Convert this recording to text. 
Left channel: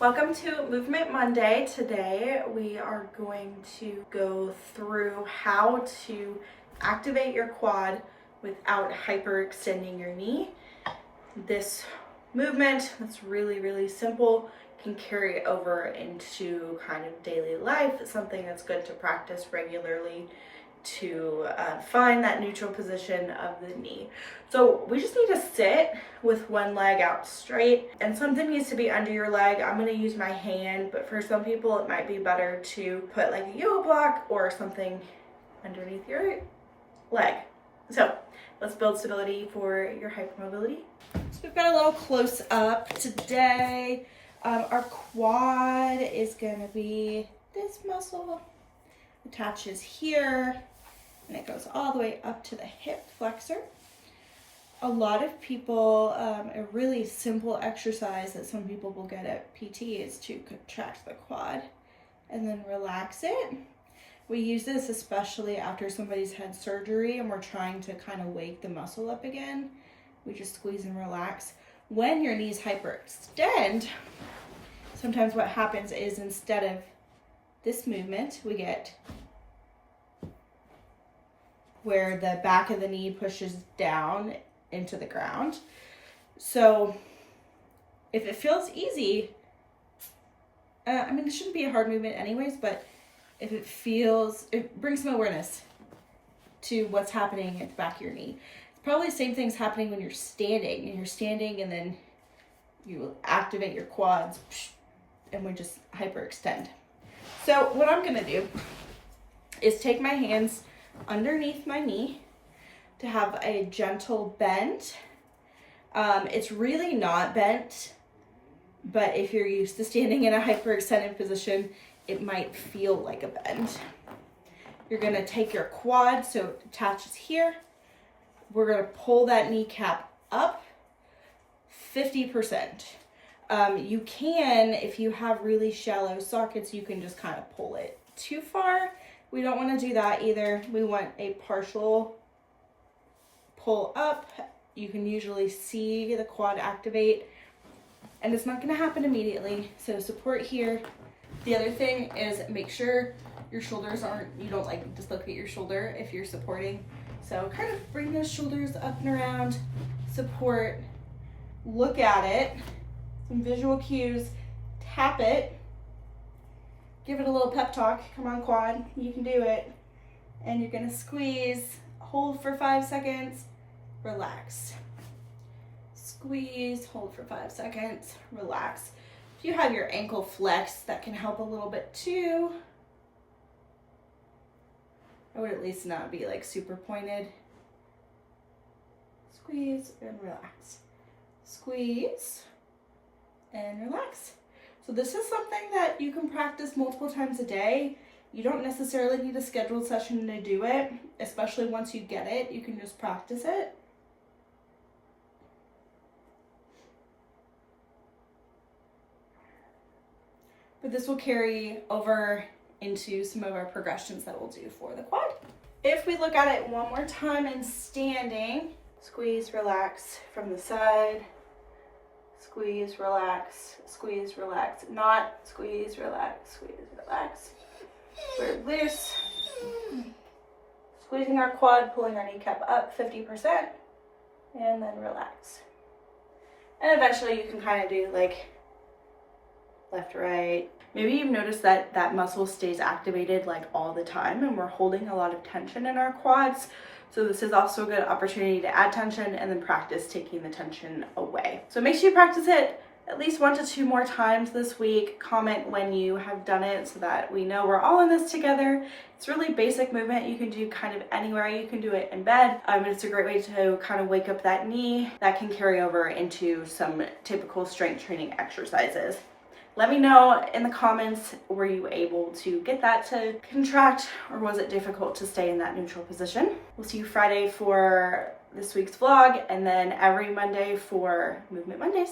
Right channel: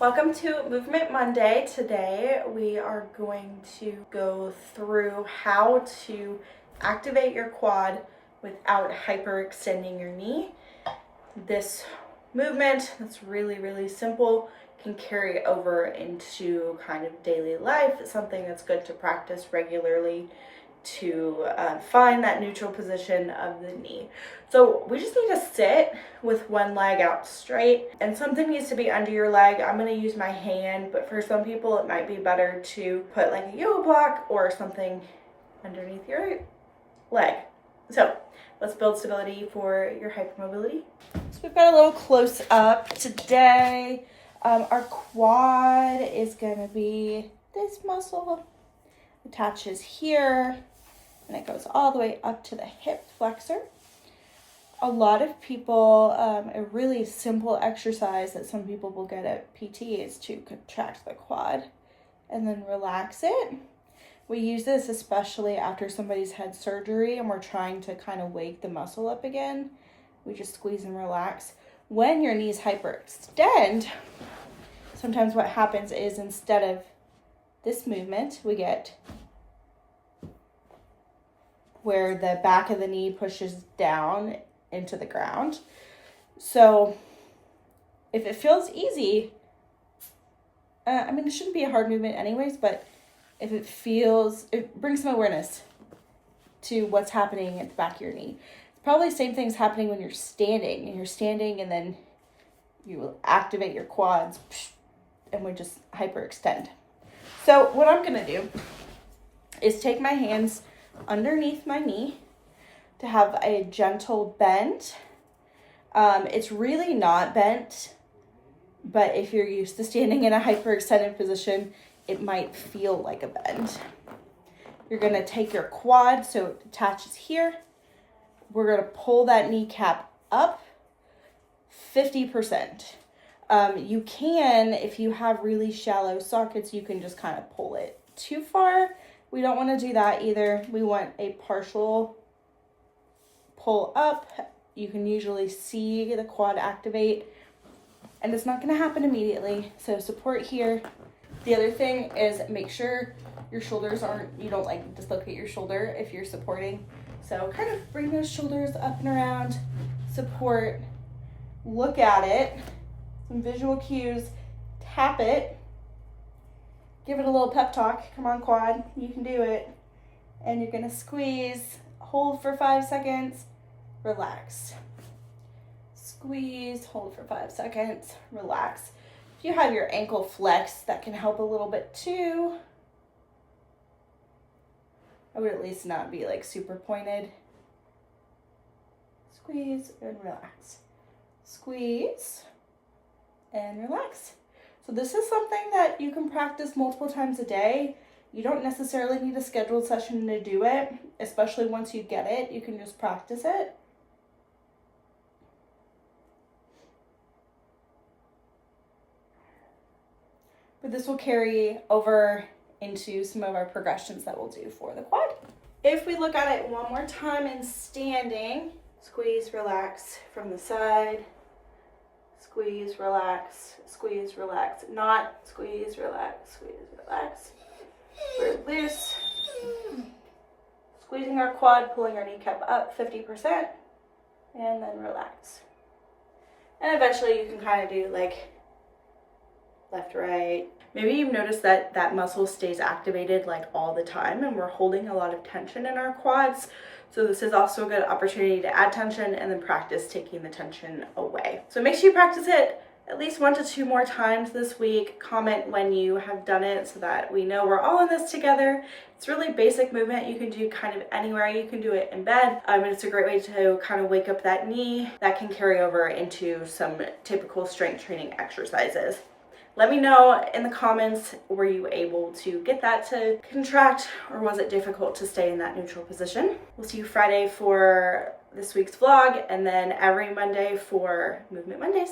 Welcome to Movement Monday. Today we are going to go through how to activate your quad without hyperextending your knee. This movement that's really simple can carry over into kind of daily life. It's something that's good to practice regularly to find that neutral position of the knee. So we just need to sit with one leg out straight, and something needs to be under your leg. I'm going to use my hand, but for some people it might be better to put like a yoga block or something underneath your leg. So let's build stability for your hypermobility. So we've got a little close up today. Our quad is going to be this muscle, attaches here, and it goes all the way up to the hip flexor. A lot of people, a really simple exercise that some people will get at PT is to contract the quad and then relax it. We use this especially after somebody's had surgery and we're trying to kind of wake the muscle up again. We just squeeze and relax. When your knees hyperextend, sometimes what happens is instead of this movement, we get where the back of the knee pushes down into the ground. So if it feels easy, it shouldn't be a hard movement anyways, but if it brings some awareness to what's happening at the back of your knee. It's probably the same thing's happening when you're standing, and then you activate your quads and we just hyperextend. So what I'm gonna do is take my hands underneath my knee to have a gentle bend. It's really not bent, but if you're used to standing in a hyperextended position, it might feel like a bend. You're gonna take your quad so it attaches here. We're gonna pull that kneecap up 50%. You can, if you have really shallow sockets, you can just kind of pull it too far. We don't want to do that either. We want a partial pull up. You can usually see the quad activate, and it's not going to happen immediately. So support here. The other thing is make sure your shoulders you don't like dislocate your shoulder if you're supporting. So kind of bring those shoulders up and around, support, look at it, some visual cues, tap it. Give it a little pep talk. Come on, quad, you can do it. And you're gonna squeeze, hold for 5 seconds, relax. Squeeze, hold for 5 seconds, relax. If you have your ankle flex, that can help a little bit too. I would at least not be like super pointed. Squeeze and relax. Squeeze and relax. So this is something that you can practice multiple times a day. You don't necessarily need a scheduled session to do it, especially once you get it. You can just practice it. But this will carry over into some of our progressions that we'll do for the quad. If we look at it one more time in standing, squeeze, relax from the side. Squeeze, relax, not squeeze, relax, We're loose. Squeezing our quad, pulling our kneecap up 50%, and then relax. And eventually you can kind of do like left, right. Maybe you've noticed that that muscle stays activated like all the time, and we're holding a lot of tension in our quads. So this is also a good opportunity to add tension and then practice taking the tension away. So make sure you practice it at least 1 to 2 more times this week. Comment when you have done it so that we know we're all in this together. It's really basic movement. You can do kind of anywhere. You can do it in bed. It's a great way to kind of wake up that knee. That can carry over into some typical strength training exercises. Let me know in the comments, were you able to get that to contract, or was it difficult to stay in that neutral position? We'll see you Friday for this week's vlog, and then every Monday for Movement Mondays.